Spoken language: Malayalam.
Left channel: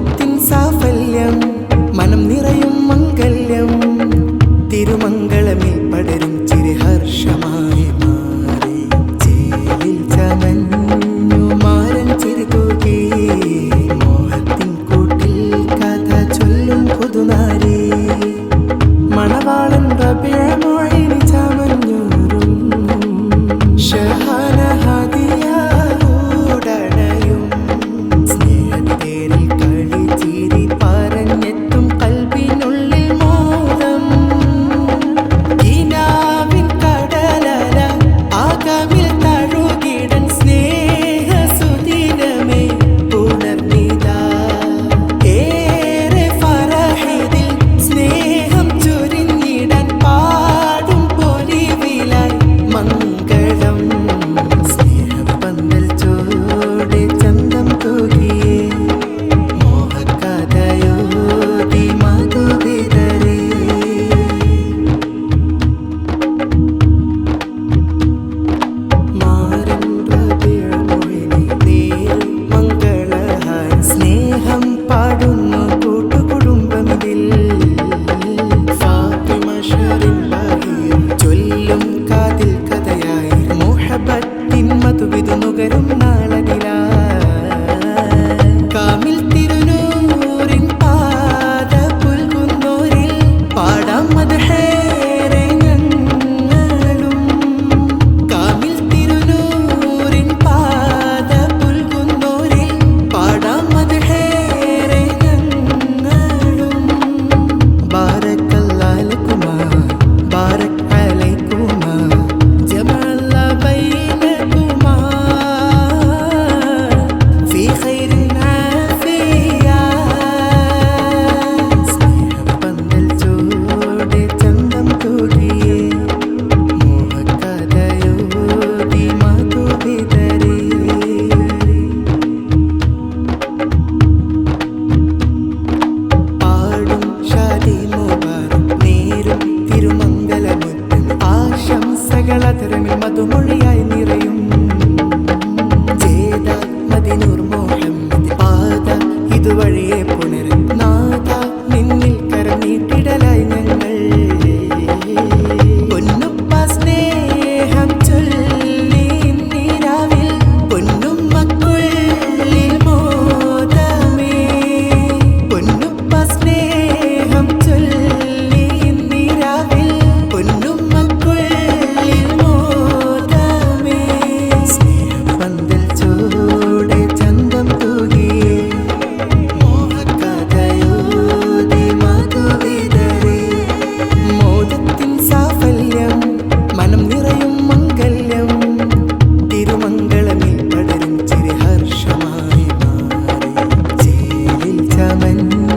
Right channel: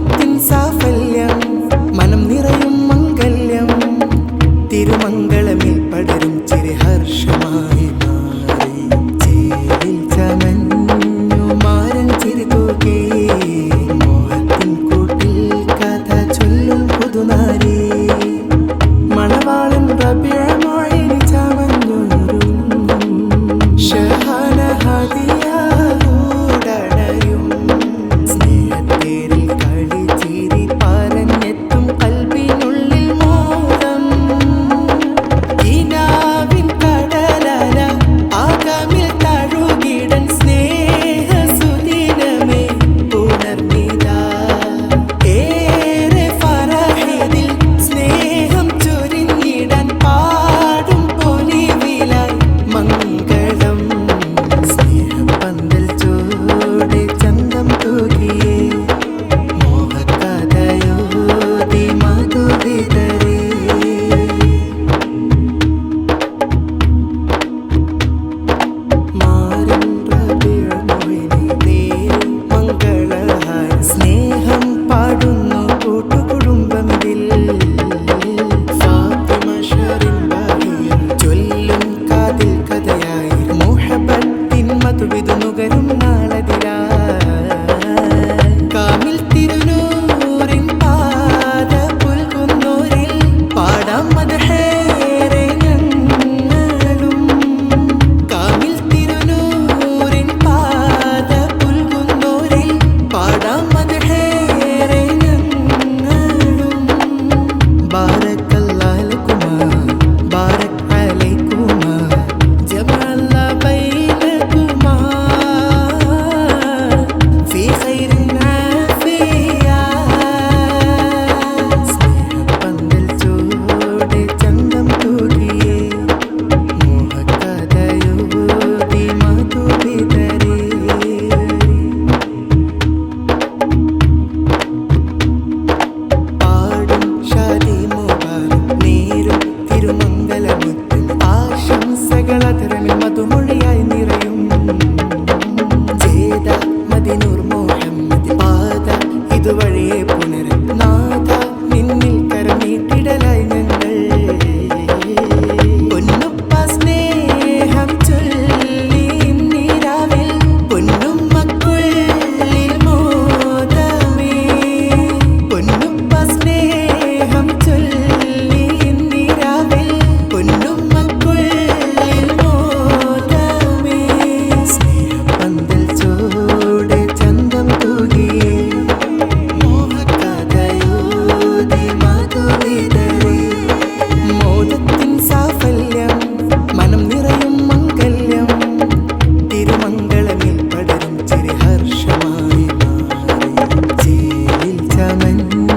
മോദത്തിൻ സാഫല്യം മനം നിറയും മംഗല്യം തിരുമംഗളമിൽ പടരും ചിരഹർഷമായി മാറി ചേലിൽ ചമഞ്ഞു മാരൻ ചിരി തൂകി മോഹത്തിൻ കൂട്ടിൽ കഥ ചൊല്ലും പുതുനാരി മണവാളൻ റബിയ മൊഴിനി ചമഞ്ഞൂരും ഷഹാന ഹദിയാടണയും സ്നേഹത്തേരിൽ കളി ചിരി പറഞ്ഞെത്തും കൽബിനുള്ളിൽ മോദം കിനാവിൻ കടലല ആകമിൽ തഴുകിടൻ സ്നേഹ സുദിനമേ പുണർന്നിതാ ഏറെ ഫറഹിതിൽ സ്നേഹം ചൊരിഞ്ഞിടാൻ പാടും പൊലിവിലായി മംഗളം സ്നേഹപ്പന്തൽ ചോടെ ചന്തം തൂകിയേ മോഹകഥയോതി മധുവിതരേ മാരൻ റബിയ മൊഴിനി നേരും മംഗളഹാര സ്നേഹം പാടുന്നു കൂട്ടുകുടുംബമിതിൽ ഫാത്തിമ ഷറിൻ ബഹീർ ചൊല്ലും കാതിൽ കഥയായി മുഹബത്തിൻ മധുവിധു നുകരും നാളതിലായി കാമിൽ തിരുനൂറിൻ പാത പുൽകുന്നോരിൽ പാടാം മദ്ഹേറെ ഞങ്ങളും കാമിൽ തിരുനൂറിൻ പാത പുൽകുന്നോരിൽ പാടാം മദ്ഹേറെ ഞങ്ങളും ബാരക്കല്ലാഹു ലക്കുമാ ബാരക് അലൈക്കുമാ ജമഅല്ല ബൈനകുമാ ഫീ ഖൈരിൻ ആഫിയ സ്നേഹപ്പന്തൽ ചോടെ ചന്തം തൂകിയേ മോഹകഥയോതി മധുവിതരേ പാടും ഷാദി മുബാറക് നേരും തിരുമംഗലമുറ്റം ആശംസകളധരമിൽ മധുമൊഴിയായി നിറയും ജേദ മദിനൂർ മുഹമ്മദ് പാത ഇതുവഴിയെ പുണരും നാഥ നിന്നിൽ കരം നീട്ടിടലായി ഞങ്ങൾ പൊന്നുപ്പ സ്നേഹം ചൊല്ലി നീരാവിൽ പൊന്നുമ്മക്കുള്ളിൽ മോദമേ പൊന്നുപ്പ സ്നേഹം ചൊല്ലി നീരാവിൽ പൊന്നുമ്മക്കുള്ളിൽ മോദമേ സ്നേഹപ്പന്തൽ ചോടെ ചന്തം തൂകിയേ മോഹകഥയോതി മധുവിതരേ മോദത്തിൻ സാഫല്യം മനം നിറയും മംഗല്യം തിരുമംഗളമിൽ പടരും ചിരഹർഷമായി മാറി ചേലിൽ ചമഞ്ഞു